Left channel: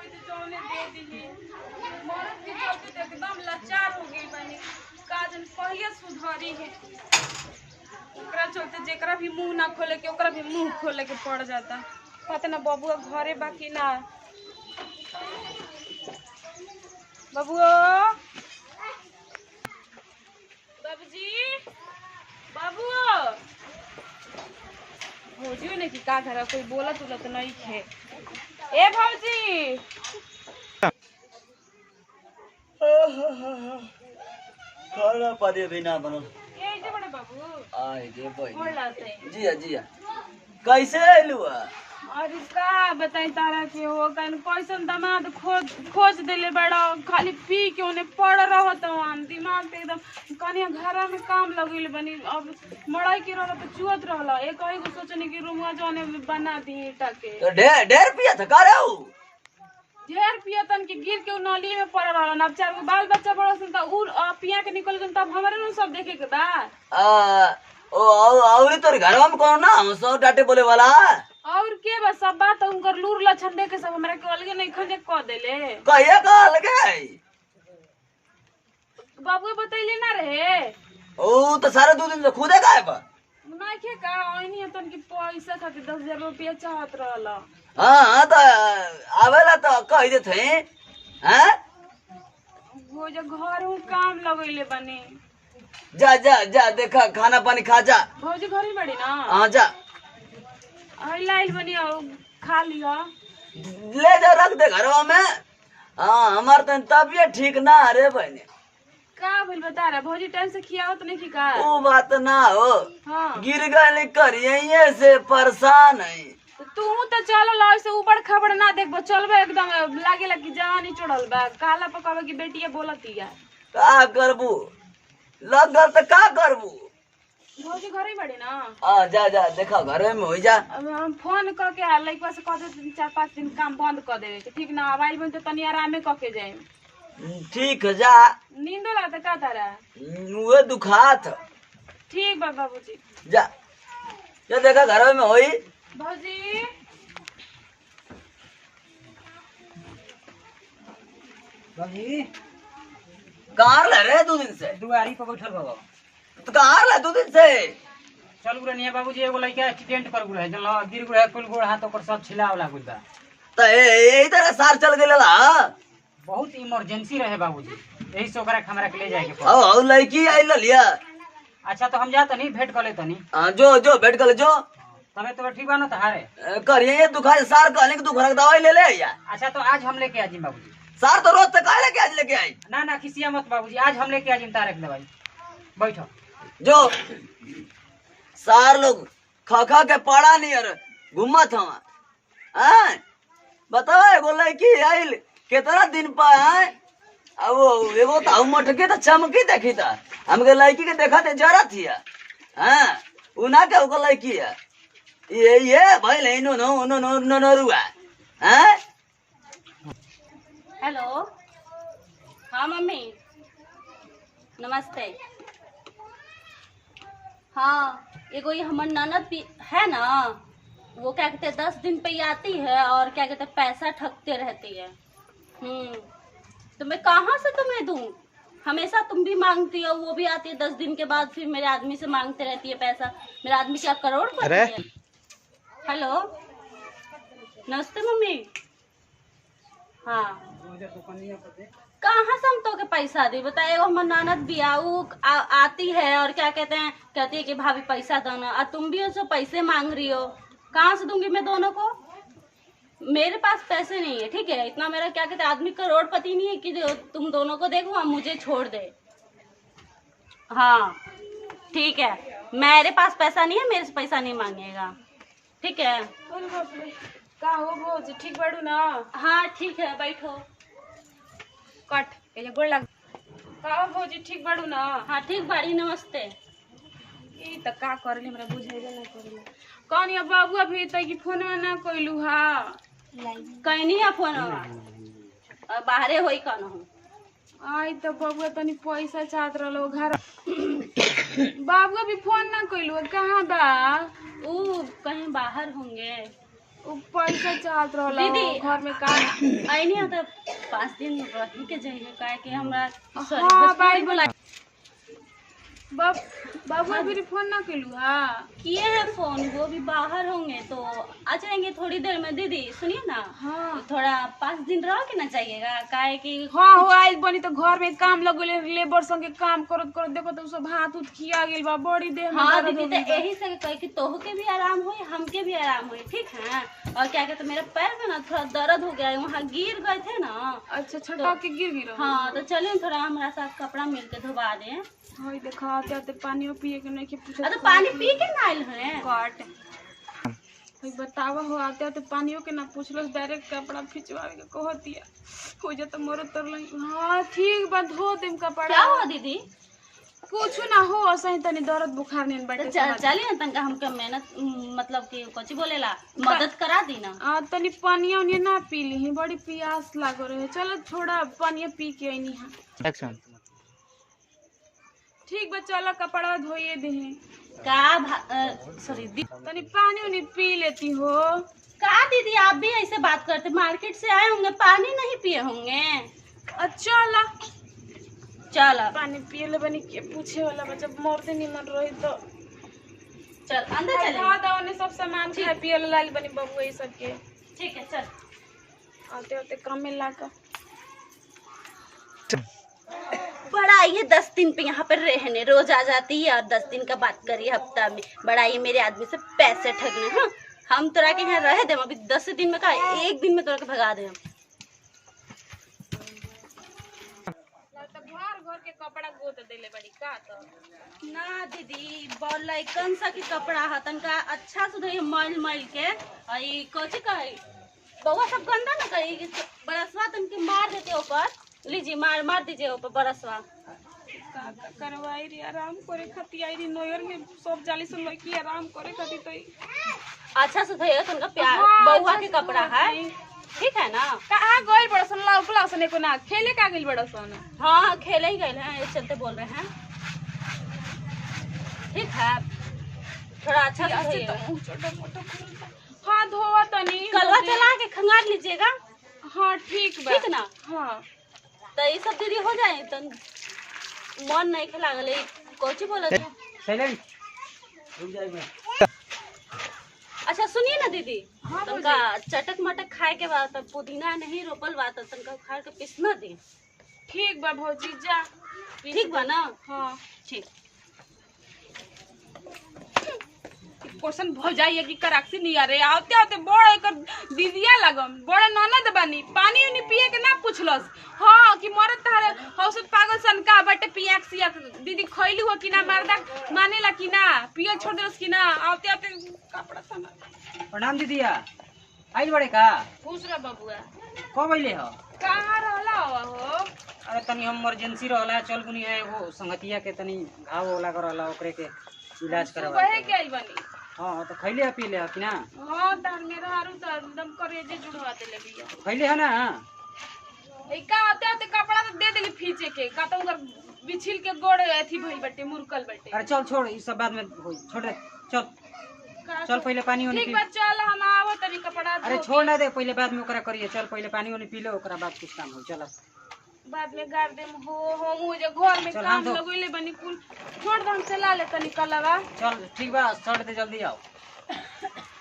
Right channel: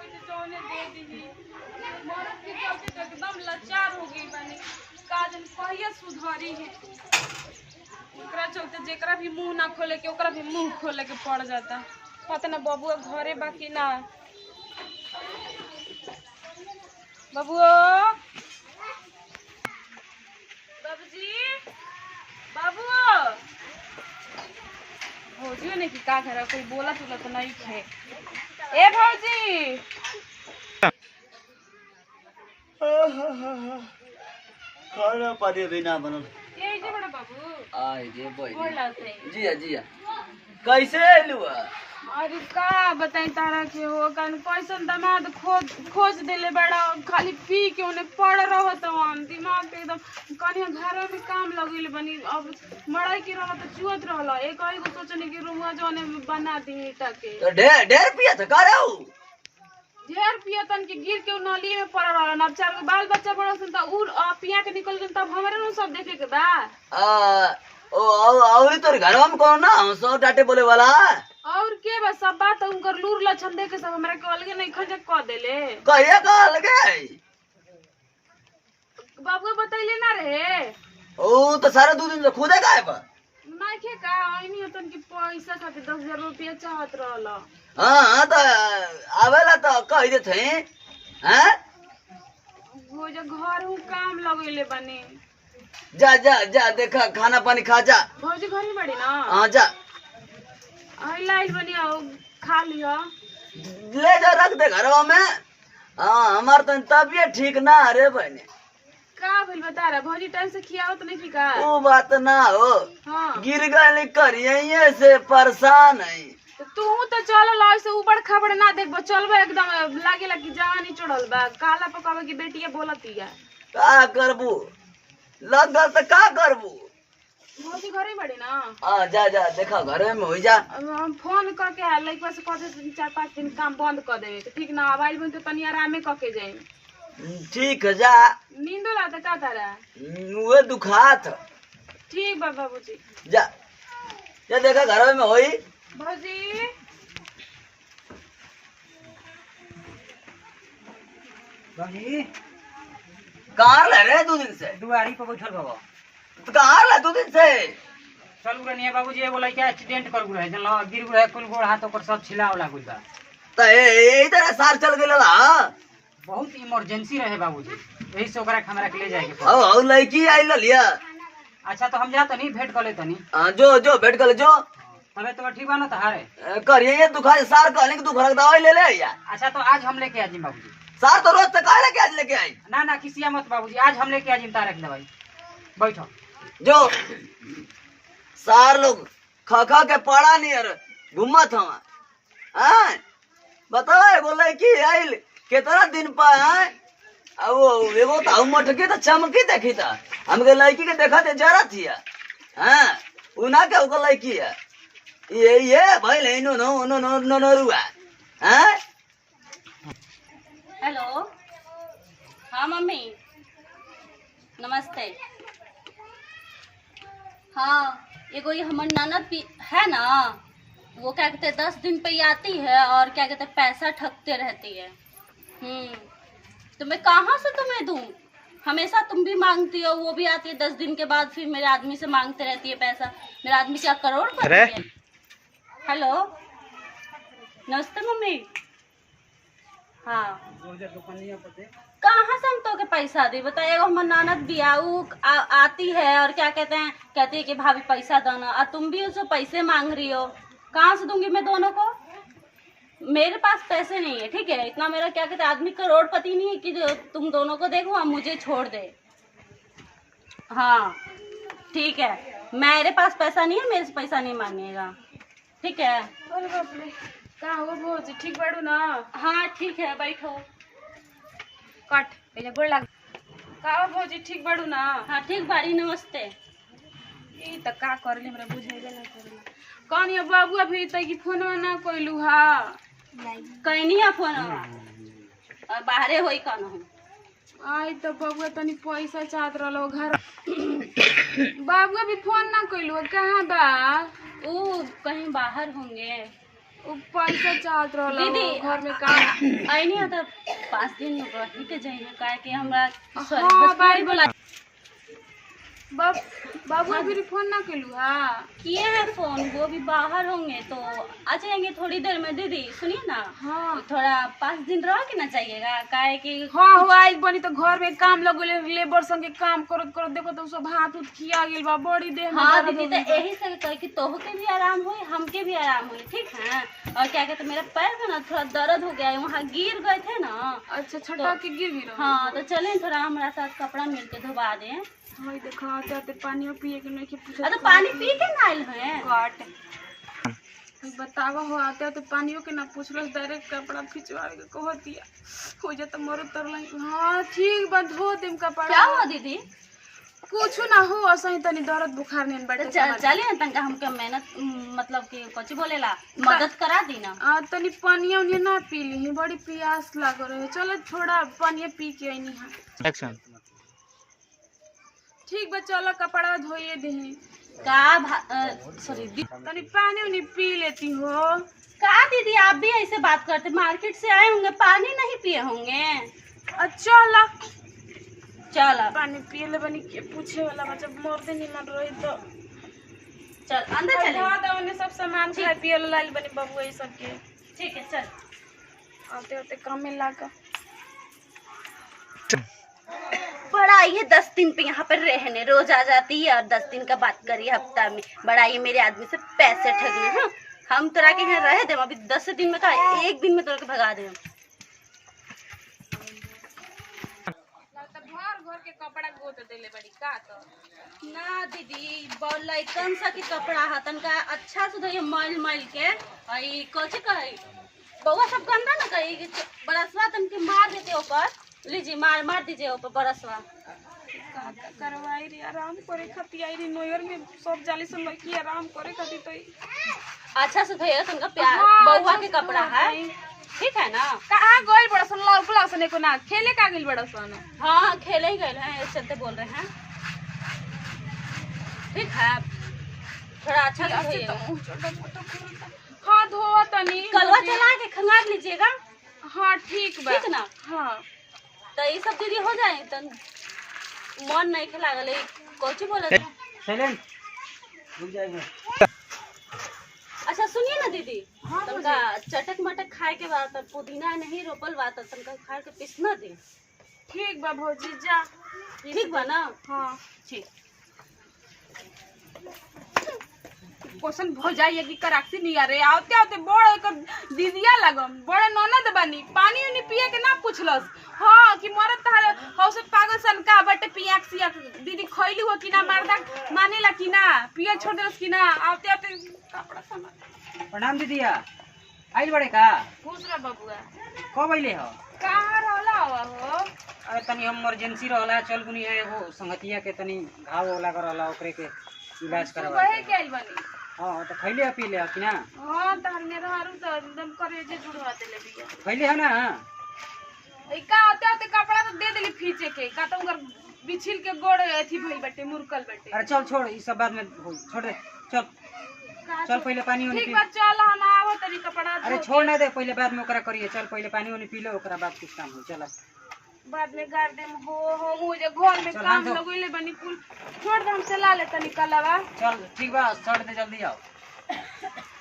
होई तो जौने दे दी। मरद के चलते तो एकदम लाचार हो गई बानी। काजन कहिए सुधरी है। ओकरा चलते जेकरा भी मुंह ना खोले के ओकरा भी मुंह खोले के पड़ जाता। पता ना बबुआ घरे बाकी ना। बबुआ बाबूजी बाबू भौजियो ने की का घर कोई बोला तुला तो नहीं थे। ए भौजी खाना पानी भी ना बनल। ये जे बड़ा बाबू आए जे बोल बोला से जिया जिया कैसे आइलू? अरे का बताई तारा के हो कन कैसन दामाद खोज देले बड़ा खाली पी के उन्हें पड़ रहो तो हम दिमाग पे एकदम कनिया घर में काम लगिल बनी। अब मड़ाई की रहो तो चुअत रहला एक ही को सोचने की रूमवा जोने बना दी ईटा के तो ढेर ढेर पिया था का रहू? ढेर पिया तन के गिर के नली में पड़ रहला। अब चार गो बाल बच्चा बड़ा सन त उ पिया के निकल गन तब हमरे न सब देखे के बा। ओ और तोर घरवा में कौन ना सौ डाटे बोले वाला? और के बस सब बात उनकर लूर लछन देख के सब हमरा के अलगे नहीं खजे क देले। कहिया का लगे बाबू बतैले ना रहे ओ तो सारे 2 दिन से खुदे गायब नहीं के का ओनी तन की पैसा खातिर 10,000 रुपया चाहत रहला। हां तो आवेला तो कह दे थे हैं वो जो घर हूं काम लगइले बनी। जा जा जा देखा खाना पानी खा जा। भौजी घरे बड़ी ना? हां जा आई लाइल बनी आओ खा लिया ले जा रख दे घरवा में। हाँ हमार तो तबियत ठीक ना रे बहने। का भइल बता रहा भौजी टाइम से खियावत नहीं की का? वो बात ना हो हां गिर गए करिए से परेशान है। तो तू तो चल ला से ऊपर खबर ना देखबो चलबो एकदम लागेला कि जवानी चढ़ल बा काला पकावे की बेटिया बोलतिया। का करबू लग गल तो का करबू? भौजी घरे बड़ी ना? हाँ जा जा देखा घर में हो जा। अब हम फोन करके लइकवा से कहते 4-5 दिन काम बंद कर देवे तो ठीक ना आवाज में तो तनी आरामे करके जाए। ठीक है जा। नींद लाता का तारा? वो दुखात ठीक बा बाबूजी जा जा देखा घर में होई। भौजी बाबी कहाँ रह रहे 2 दिन से? दुआरी पर बैठल बाबा तो कहाँ रह 2 दिन से? चल गुरनिया बाबूजी एगो लइका एक्सीडेंट कर गुरे जनला गिर गुरे कुल गोड़ हाथ ओकर सब छिला उला गुल बा। तो यही तरह सार चल गेला बहुत इमरजेंसी रहे बाबूजी यही से ओकरा हमरा के ले जाए के औ औ लड़की आई लिया। अच्छा तो हम जा तनी भेंट कर ले तनी। हाँ जो जो बैठ कर जो तबे तो ठीक बा ना तहारे करिए ये दुखा सार कहने की दुख रख दवाई ले ले या। अच्छा तो आज हम लेके आजिम बाबूजी। सार तो रोज तक काहे लेके आज लेके आई? ना ना किसिया मत बाबूजी आज हम लेके आजिम तारक दवाई बैठो। जो सार लोग खा खा के पड़ा नहीं यार घूमत हम हैं बताओ एगो लड़की आइल कितना दिन पर है अब वो एगो तो मटके तो चमकी देखी था हमके लड़की के देखा थे जरा थी हैं उना के ओको लड़की है ये भाई ले नो नो नो नो नो नो रुआ हैं। हेलो हाँ मम्मी नमस्ते। हाँ एगो ये हमार ननद भी है ना वो क्या कहते 10 दिन पे ही आती है और क्या कहते पैसा ठगते रहती है। तो मैं कहाँ से तुम्हें दूँ? हमेशा तुम भी मांगती हो वो भी आती है 10 दिन के बाद फिर मेरे आदमी से मांगते रहती है पैसा। मेरा आदमी क्या करोड़पति है? हेलो नमस्ते मम्मी। हाँ कहाँ से हम तो के पैसा दी बता? एगो हमर ननद भी आती है और क्या कहते हैं कहती है कि भाभी पैसा दो ना और तुम भी उससे पैसे मांग रही हो। कहाँ से दूंगी मैं दोनों को? मेरे पास पैसे नहीं है ठीक है इतना मेरा क्या कहते हैं आदमी करोड़पति नहीं है कि जो तुम दोनों को देखो और मुझे छोड़ दे। हाँ ठीक है मेरे पास पैसा नहीं है मेरे से पैसा नहीं मांगेगा ठीक है। अरे बाप रे का हो भौजी ठीक बाड़ू ना? हाँ ठीक है बैठो। कट ये गोड़ लग का हो भौजी ठीक बाड़ू ना? हाँ ठीक बाड़ी नमस्ते। ई त का करले हमरा बुझाइले नहीं करले कौन ये बाबू अभी तक की फोन ना कोइलू हा कहीं नहीं है फोन और बाहरे होई कौन हूँ आई तो बाबू तनी पैसा चाहत रहलो घर बाबू भी फोन ना कोइलू कहाँ बा? वो कहीं बाहर होंगे। उ पैसा चाहत रहला दीदी घर में काम। आई नहीं तो 5 दिन रही के जाइए काहे कि हमरा सॉरी हाँ, बस पारी बोला बाबू अभी फोन ना केलू हा? किए हैं फोन, वो भी बाहर होंगे तो आ जाएंगे थोड़ी देर में। दीदी सुनिए ना, हाँ थोड़ा 5 दिन रह के ना जाइएगा काहे कि हाँ हो आइल बनी तो घर में काम लगले लेबर संगे काम करत करत देखो तो सब हाथ उठ खिया गेल बा बड़ी देह में हाँ दर्द दीदी हो तो गइल बा। यही से कहे कि तोह के भी आराम हुई हमके भी आराम हुई, ठीक है। और क्या कहते मेरे पैर में ना थोड़ा दर्द हो गया है, वहाँ गिर गए थे ना। अच्छा छटा के गिर गिरो। हाँ तो चलें थोड़ा हमारा साथ कपड़ा मिल के धोबा दें। हाय देखो आते आते पानियो पिए के नहीं के पूछो अरे पानी पी के ना आइल हैं। काट बतावा हो आते आते पानियो के ना पूछलो डायरेक्ट कपड़ा खिंचवावे के कह दिया हो जा तो मरो तरल। हाँ ठीक बा धो देम कपड़ा। क्या हुआ दीदी? कुछ ना हो असही तनी दर्द बुखार नहीं तो बैठे चलिए ना तनका हमके मेहनत मतलब कि कुछ बोलेला मदद करा दी ना। तनी पानिया उनिया ना पी ली बड़ी प्यास लागो रहे। चलो थोड़ा पानिया पी के आईनी हां। एक्शन। ठीक बा चलो कपड़ा धोइए देही सॉरी तनी पानी उनी पी लेती हो। का दीदी आप भी ऐसे बात करते, मार्केट से आए होंगे पानी नहीं पिए होंगे। अच्छा ला चल पानी पिए ले बनी के पूछे वाला बच्चा मरते निमन रही तो चल अंदर चले। दादा ने सब सामान खाए पिए ला लाल बनी बबुआ ये सब के। ठीक है चल। आते आते काम में लागा बड़ा ये 10 दिन पे यहाँ पर रहने रोज आ जाती है और 10 दिन का बात करिए हफ्ता में। बड़ा ये मेरे आदमी से पैसे ठगने। हाँ हम तोरा के यहाँ रह दे अभी 10 दिन में का 1 दिन में तोरा के भगा दे। घर के कपड़ा गोत देले बड़ी का तो ना दीदी लइकन सा के कपड़ा हतन का अच्छा से धोइए मैल मैल के। आई कथी कही बउआ सब गंदा ना करी बरसवा तन के मार देते ऊपर। लीजिए मार दीजिए ऊपर बरसवा। करवाई रे आराम करे खातिर आई रे नोयर में सब जाली से लड़की आराम करे खातिर तो अच्छा से धोइए तन का प्यार हाँ, बउआ अच्छा के से कपड़ा धो है, देई। ठीक है ना। कहाँ गई बड़ा सन लौकला सने को ना खेले का गेल बड़ा सन। हाँ खेले ही गए हैं इस चलते बोल रहे हैं, ठीक है। थोड़ा अच्छा से धोइएगा। हाँ धोवा तनी कलवा चला के खंगार लीजिएगा, हाँ ठीक बा ठीक ना। हाँ तो ये सब दीदी हो जाए तो मन नहीं के लागल कोची बोले थे। साइलेंट रुक जाएगा। अच्छा सुनिए ना दीदी, हाँ, तनका चटक मटक खाए के बाद तब पुदीना नहीं रोपल बा तो तनका खाए के पीसना दी। ठीक बा भौजी जा ठीक बा ना। हाँ ठीक। क्वेश्चन भौजाई की कराक्सी नहीं आ रहे आते आते बड़ा एक दीदिया लगम बड़ा ननद बनी पानी उनी पिए के ना पूछलस। हाँ कि मरद तार हौसत पागल सन का बटे पियाक सियाक दीदी खइली हो कि ना मर्दा मानेला कि ना पिया छोड़ देलस कि ना। आते आते कपड़ा सामान प्रणाम दीदिया आइल बड़े का खुश रह बबुआ। कब अइले हो? कहाँ रहला हो? अरे तनी हम इमरजेंसी रहला चल गुनी है वो संगतिया के तनी घाव लगा रहला ओकरे के इलाज करवा। वही के बनी। हाँ तो खैले हो पीले हो कि ना? हाँ तार मेरा हारू तो एकदम करेजे जुड़वा देले बिया। खैले हो ना? का आते आते कपड़ा तो दे देली फीचे के का तो उनकर बिछिल के गोड़ एथी भइल बटे मुरकल बटे। अरे चल छोड़ इस सब बाद में होई छोड़ दे चल चल पहले पानी उनी ठीक पी। बा चल हम आवो तनी कपड़ा अरे धो छोड़ ना दे पहले बाद में ओकरा करिए। चल पहले पानी उनी पी लो ओकरा बाद कुछ काम हो। चल बाद में गाड़ देम हो मुझे घर में चल, काम हाथ धो। लगोइले बनी कुल छोड़ दे हम चला ले तनी कलवा। चल ठीक बा छोड़ दे जल्दी आओ।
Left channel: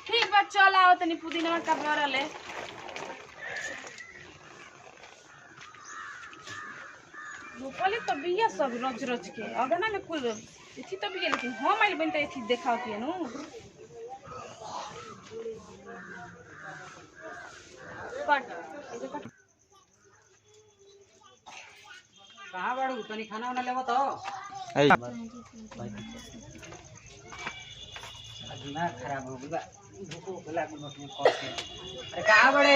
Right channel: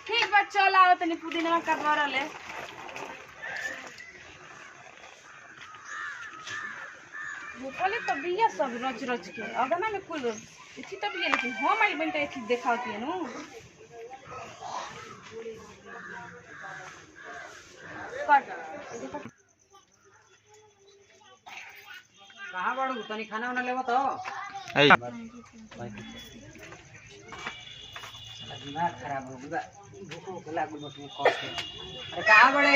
ठीक बा चल आओ तनी पुदीना का भरले भोपली तो बिया सब रच रच के अगना में कुल इथी तो बिया लेकिन हम आइल बन त इथी देखावती है नु। कट ए देखो कहाँ बाड़ू तनी खाना वाना लेबो तो दिमाग खराब हो गया भूख लागल बस में कष्ट। अरे कहाँ बड़े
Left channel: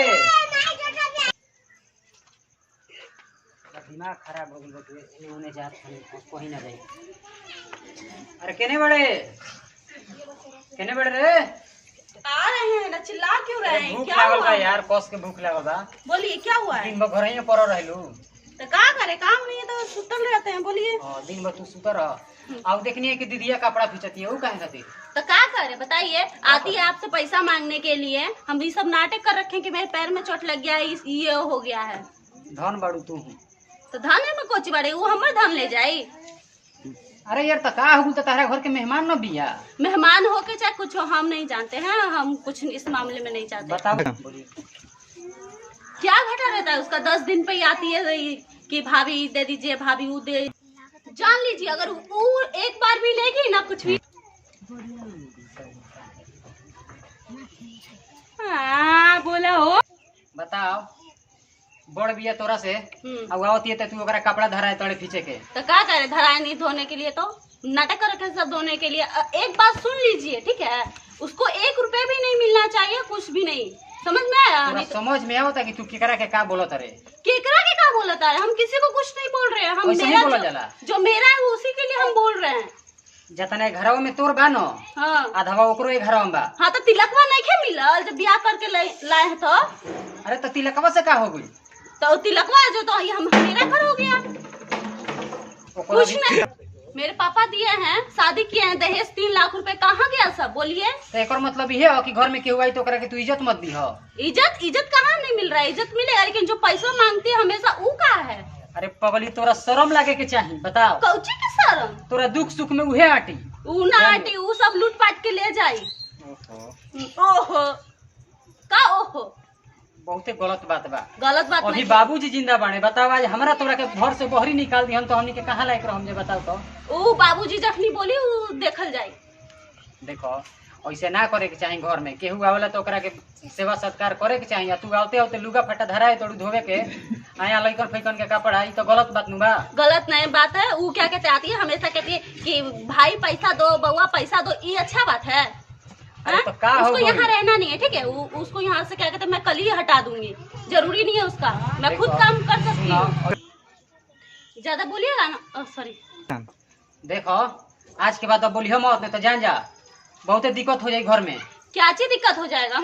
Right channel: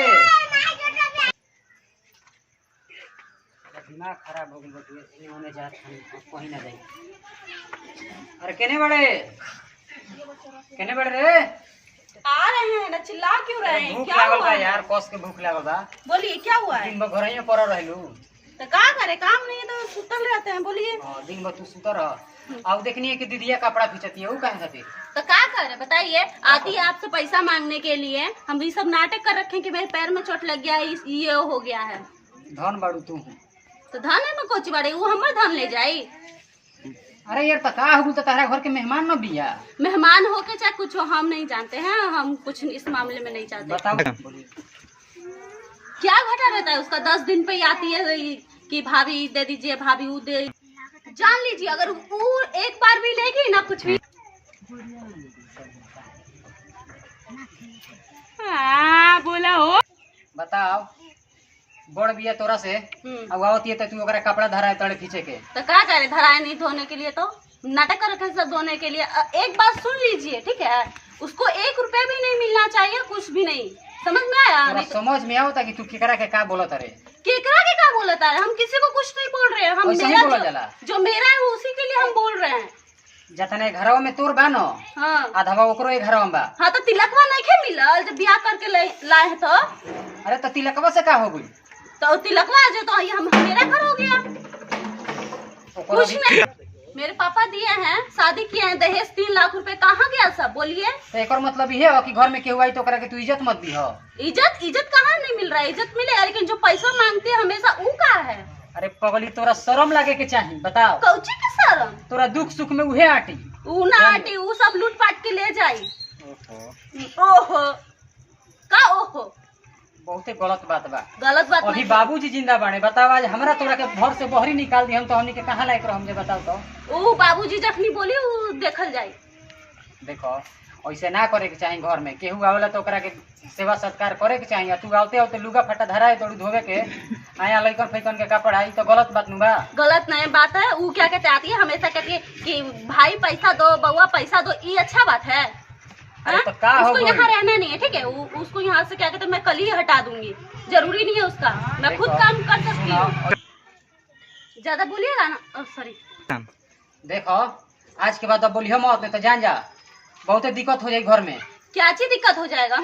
दिमाग खराब हो गई बटुए इन्हें होने जात कहीं ना जाए। अरे केने बड़े रे आ रहे हैं ना चिल्ला क्यों रहे हैं? भूख क्या लागल हुआ बा है? यार कस के भूख लागल बा। बोलिए क्या हुआ है? दिन भर घर ही पर रहलू तो का करे, काम नहीं है तो सुतल रहते हैं। बोलिए। दिन भर तू सुतर रह। अब देखनी है कि दीदिया कपड़ा खींचती है, वो कहे खातिर तो का करे बताइए, आती है आपसे पैसा मांगने के लिए। हम ये सब नाटक कर रखे हैं कि मेरे पैर में चोट लग गया है, ये हो गया है। धन बाड़ू तू हूँ। तो धन में कोची बाड़े, वो हमर धन ले जाई। अरे यार तका हो तो तारा घर के मेहमान न बिया। मेहमान हो के चाहे कुछ हो, हम नहीं जानते हैं, हम कुछ इस मामले में नहीं चाहते। बताओ क्या घटा रहता है उसका, 10 दिन पे ही आती है कि भाभी दे दीजिए, भाभी वो दे। जान लीजिए अगर वो एक बार भी लेगी ना कुछ भी। बोला हो। बताओ बड़ बिया तोरा से अब आवती है तू ओकरा कपड़ा धराए तड़े पीछे के तो क्या करे, धराए नहीं धोने के लिए तो नाटक कर रखे सब धोने के लिए। एक बात सुन लीजिए ठीक है, उसको 1 रुपया भी नहीं मिलना चाहिए, कुछ भी नहीं। समझ में आया? तोरा समझ में आवता कि तू केकरा के का बोलत रे? केकरा के क्या बोलता है? हम किसी को कुछ नहीं बोल रहे हैं। हम वैसे ही मेरा बोला जाला। जो मेरा है उसी के लिए हम बोल रहे हैं। जतने घरवा में तोर बा न, हाँ आधावा ओकरो एक घरवा में बा। हाँ, तो तिलकवा नहीं खे मिलल जब ब्याह करके लाए हैं तो? अरे तो तिलकवा से का हो गई? तो तिलकवा जो तो हम मेरा घर हो गया। ओकरो कुछ भी नहीं, मेरे पापा दिए हैं, शादी किए हैं, दहेज 3 लाख रुपए कहाँ गया सब? बोलिए। तो एकर मतलब ये है कि घर में केहू आई तो ओकरा के तू इज्जत मत दी हो। इज्जत कहाँ नहीं मिल रहा है? इज्जत मिलेगा, लेकिन जो पैसा मांगती है हमेशा वो का है? अरे पगली तोरा शर्म लागे के चाहिए। बताओ कौची के शर्म? तोरा दुख सुख में उहे आटी। ऊ ना आटी, ऊ सब लूट पाट के ले जाई। ओहो का ओहो, बहुते गलत बात बा। गलत बात अभी नहीं। बाबूजी जिंदा बाने। बताओ आज हमरा तोरा के घर से बहरी निकाल दी हम तो हमनी के कहाँ लायक रहम जे? बताओ तो। ऊ बाबूजी जखनी बोली ऊ देखल जाई। देखो ऐसे ना करे के चाहिए। घर में केहू आवेला तो ओकरा के सेवा सत्कार करे के चाहिए। तू आवते आवते लुगा फटा धराए तोड़ू धोवे के आया लइकन फैकन के कपड़ा, ई तो गलत बात नु बा। गलत नहीं बात है। ऊ क्या कहते आती है हमेशा कहती है कि भाई पैसा दो, बउआ पैसा दो, ये अच्छा बात है? अरे हाँ? तो का हो उसको गई? यहाँ रहना नहीं है ठीक है। उसको यहाँ से क्या कहते मैं कल ही हटा दूंगी, जरूरी नहीं है उसका, मैं खुद देखो, काम कर सकती सुनो, हूँ। ज्यादा बोलिएगा ना, सॉरी। देखो आज के बाद अब बोलियो मत, नहीं तो जान जा बहुते दिक्कत हो जाए घर में। क्या चीज दिक्कत हो जाएगा?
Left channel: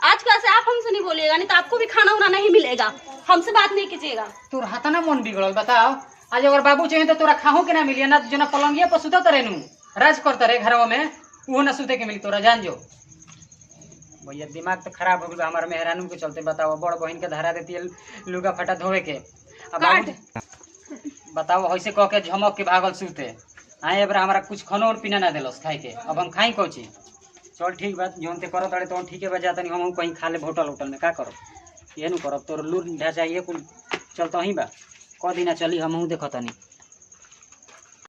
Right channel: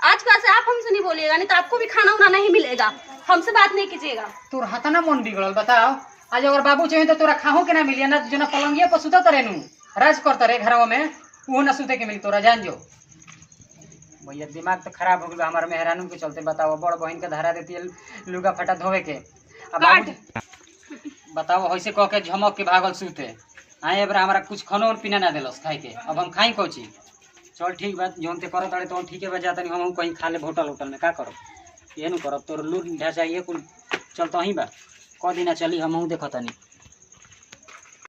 आज कल से आप हमसे नहीं बोलिएगा, नहीं तो आपको भी खाना उना नहीं मिलेगा। हमसे बात नहीं कीजिएगा। तोर हाथ ना मन बिगड़ल। बताओ आज अगर बाबू चाहिए तो तोरा खाहू के ना मिलिए ना, जो ना पलंगिया पर सुतत रहे नु राज करता रहे घरवा में, वो ना सुते के मिली तोरा। जान जो भैया दिमाग तो खराब हो गया हमारे मेहरानू के चलते। बताओ बड़ बहन के धरा देती है लुगा फटा धोवे के। अब बाबू बताओ ऐसे कह के झमक के भागल सूते आए एबरा हमारा कुछ खानो और पीना ना दिलस खाए के। अब हम खाई कोची? चल ठीक बात जोन ते करत रहे तो ठीक है बजा तनी हम कहीं खा ले होटल होटल में। का करो ये नु करब तोर लूट ढाचा ये कुल चलता ही बा। क दिना चली हम देखत नहीं।